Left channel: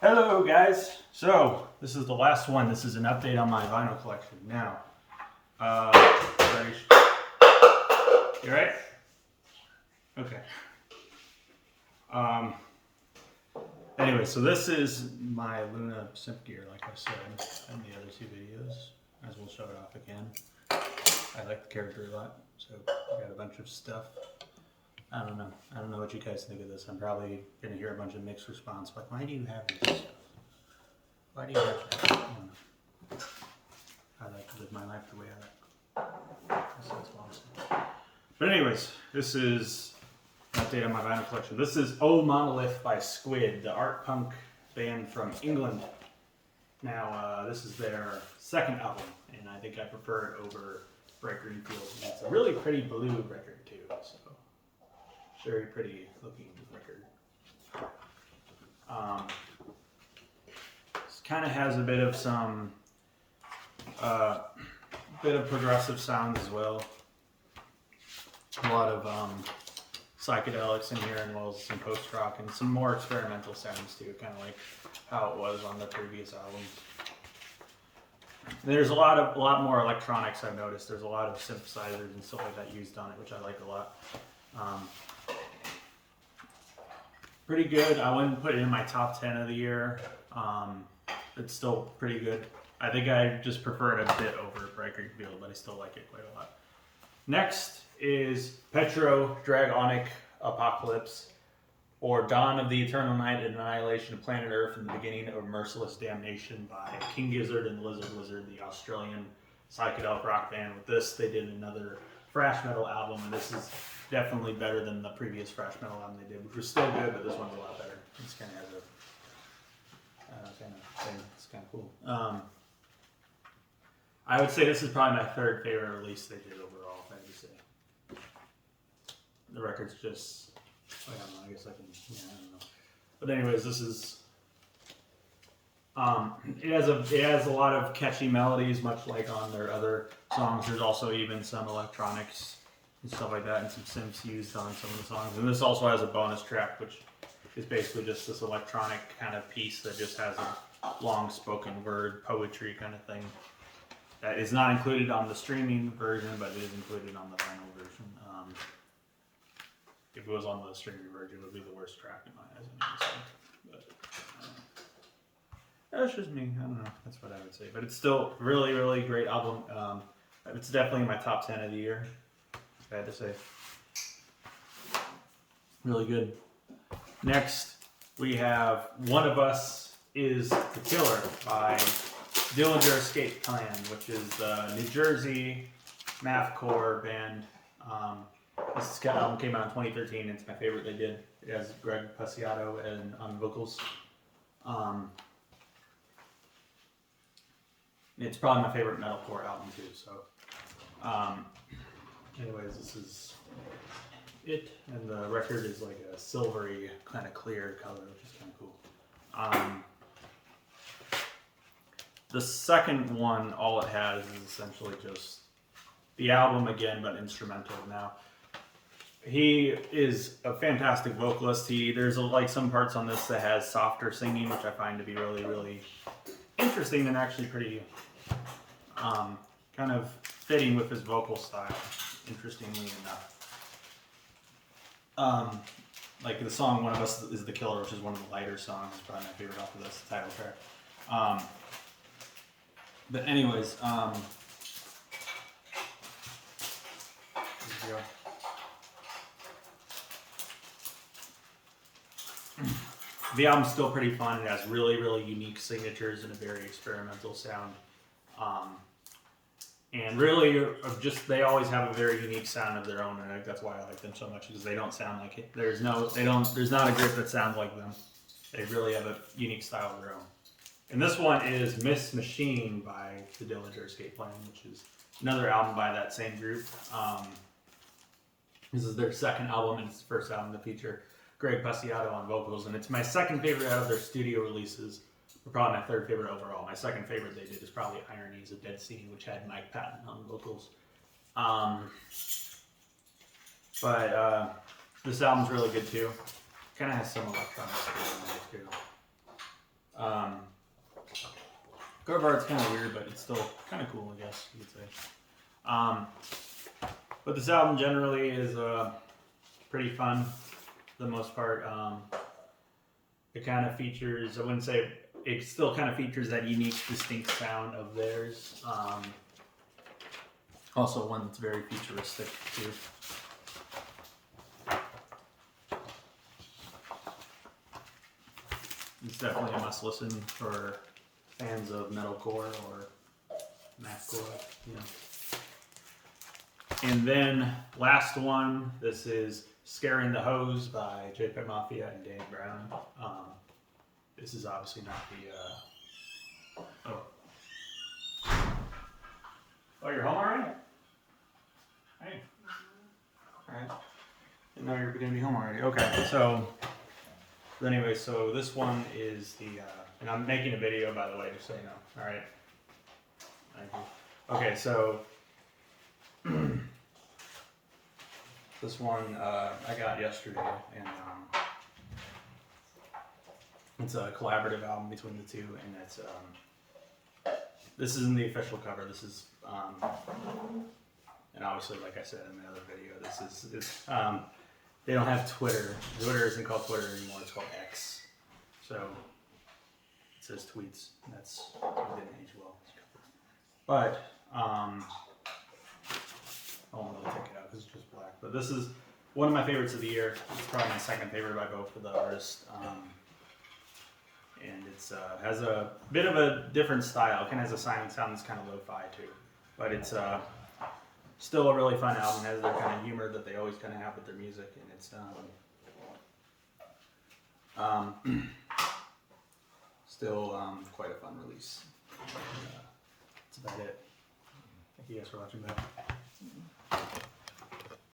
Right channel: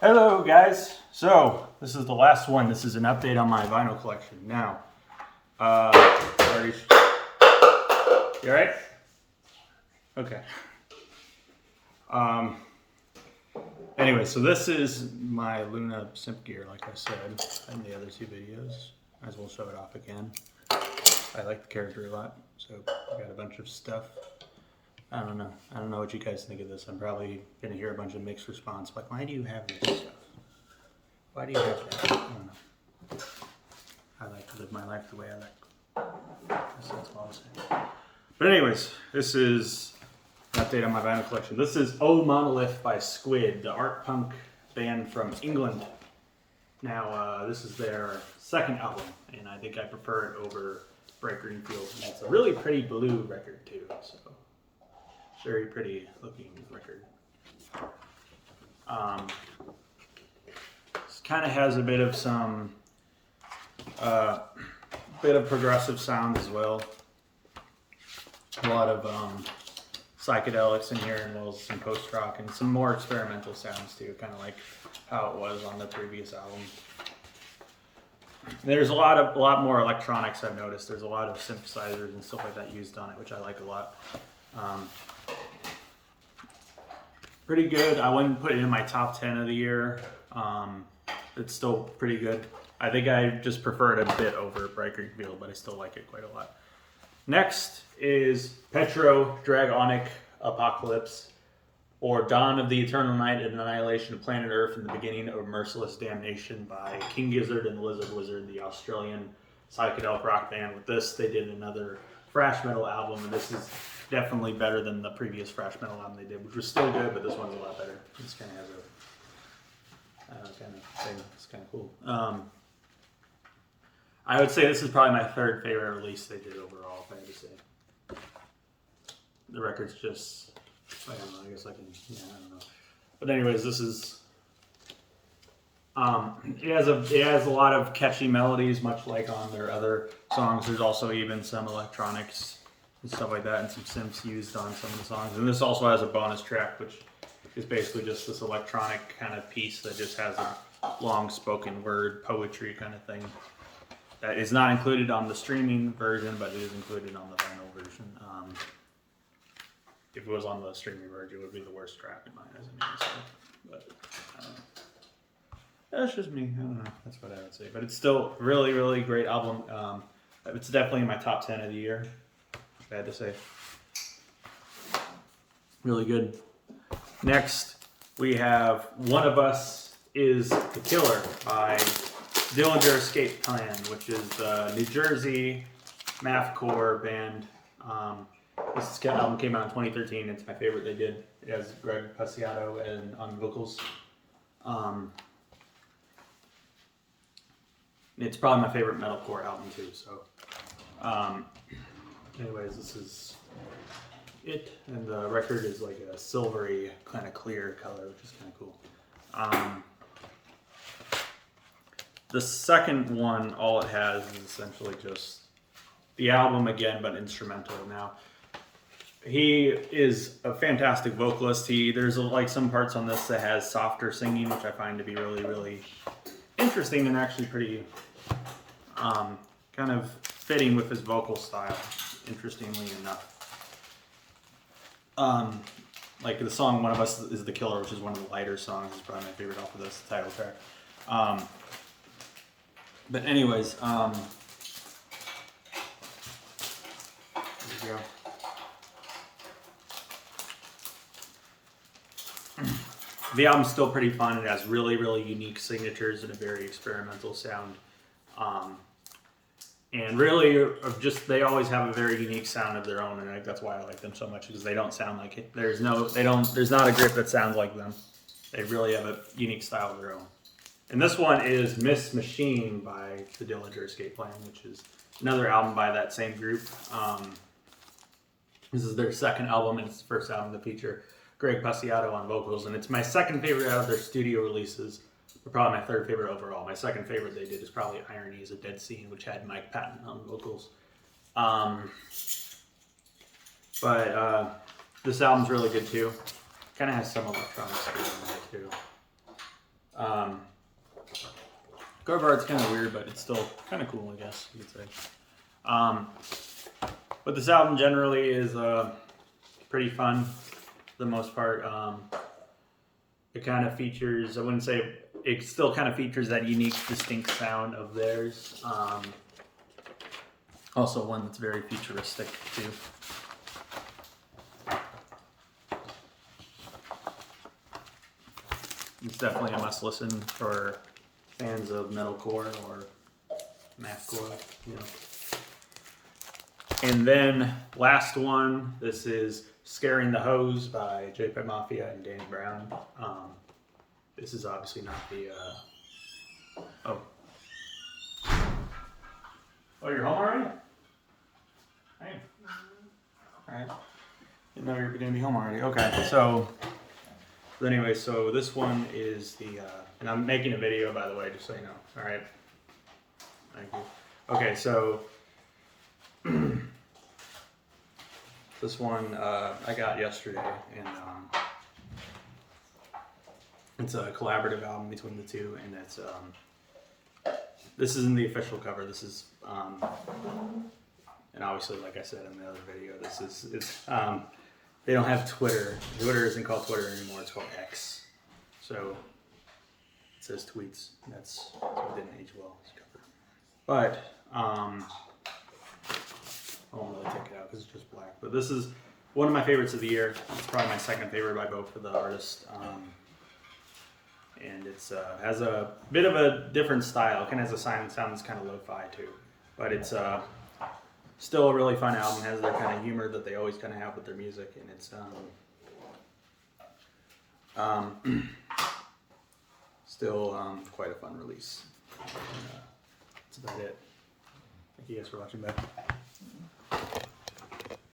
Hello guys, so this is the last one. This is an update on my vinyl collection. Now, already... You alright? Okay. Anyway, so this is my Luna Simp gear, like I said in the other two videos. Might as well show it off again. I like the character a lot, so I got a bunch of stuff. I don't know what you guys think of this. I'm probably gonna hear a bunch of mixed response, like, why do you have this stuff? Why do you have that? I don't know. I like to live my life the way I like. That's all I'll say. But anyways, this is an update on my vinyl collection. This is Oh Monolith by Squid, the art punk band from England. Now, this is their second album, and I think I prefer it over Bright Green Field. And it's a really pretty blue record too, so very pretty looking record. This kind of has a bit of some bit of progressive sound as well. A lot of psychedelics in here, and well, some post rock and some more experimental sounds too, kind of like how it was on the previous album. There's a lot more electronics. I've noticed there's a lot of synthesizers and stuff like that used on it, which I like a lot. Pretty good. I wouldn't put it in my top 10 of the year. It's still pretty good. I think I just prefer it a bit over Bright Green Field, but I still like it quite a lot. Next is Petro Dragonic Apocalypse, or Dawn of the Eternal Night and Annihilation of Planet Earth and the Beginning of Merciless Damnation by King Gizzard and the Lizard Wizard, the Australian psychedelic rock band. With this, they did another thrash metal album, and this is definitely better than the previous thrash metal album they did, which was still good, but this one's a lot better. This kind of has a kind of thing. It's kind of cool. I would say this is probably my third favorite release they did overall, if I had to say. The record's just, I don't know, I guess I can, yeah, I don't know. But anyways, this is, it has a lot of catchy melodies, much like on their other songs. There's also even some electronics and stuff like that, and some synths used on some of the songs. And this also has a bonus track, which is basically just this electronic kind of piece that just has a long spoken word poetry kind of thing. That is not included on the streaming version, but it is included on the vinyl version. If it was on the streaming version, it would be the worst track in my eyes. But I don't know. That's just me. I don't know. That's what I would say. But it's still really, really great album. It's definitely in my top 10 of the year, if I had to say. Really good. Next, we have One of Us is the Killer by Dillinger Escape Plan, which is a New Jersey mathcore band. This album came out in 2013. It's my favorite they did. It has Greg Puciato on vocals. It's probably my favorite metalcore album too. So, anyways, this is it, and the record is like a silvery, kind of clear color, which is kind of cool. The second one, all it has is essentially just the album again, but instrumental. Now, he is a fantastic vocalist. There's like some parts on this that has softer singing, which I find to be really, really interesting and actually pretty kind of fitting with his vocal style, interestingly enough. Like the song One of Us is the Killer, which is one of the lighter songs. It's probably my favorite off of this title track. But anyways, here we go. The album's still pretty fun. It has really, really unique signatures and a very experimental sound. And really, they always have a very unique sound of their own, and I think that's why I like them so much, because they don't sound like it. There's not a group that sounds like them. They really have a unique style of their own. And this one is Miss Machine by the Dillinger Escape Plan, which is another album by that same group. This is their second album, and it's the first album to feature Greg Puciato on vocals, and it's my second favorite out of their studio releases, but probably my third favorite overall. My second favorite they did is probably Irony is a Dead Scene, which had Mike Patton on vocals. But this album's really good too. Kind of has some electronics in there too. Cover art's kind of weird, but it's still kind of cool, I guess you could say. But this album generally is pretty fun for the most part. It kind of features, I wouldn't say, it still kind of features that unique, distinct sound of theirs. Also one that's very futuristic too. It's definitely a must listen for fans of metalcore or mathcore, you know. And then last one, this is Scaring the Hose by JPEG Mafia and Danny Brown. This is obviously not the, oh, you're home already? Hey. Alright. Didn't know you were gonna be home already. Okay, so anyway, so this one is the, and I'm making a video, by the way, just so you know. Alright. Thank you. Okay, so this one I got yesterday, and it's a collaborative album between the two, and it's this isn't the official cover. This is and obviously, like I said in the other video, this is they don't have Twitter. Twitter isn't called Twitter anymore. It's called X. So it says tweets. That's so it didn't age well. But I won't really take it out because it's just black. But this is one of my favorites of the year. It's probably my second favorite by both of the artists. And it's has a bit of a different style. It kind of has a sound that's kind of lo-fi too. But it's still a really fun album. It has their kind of humor that they always kind of have with their music. And it's still quite a fun release. And, that's about it. Thank you guys for watching. Bye.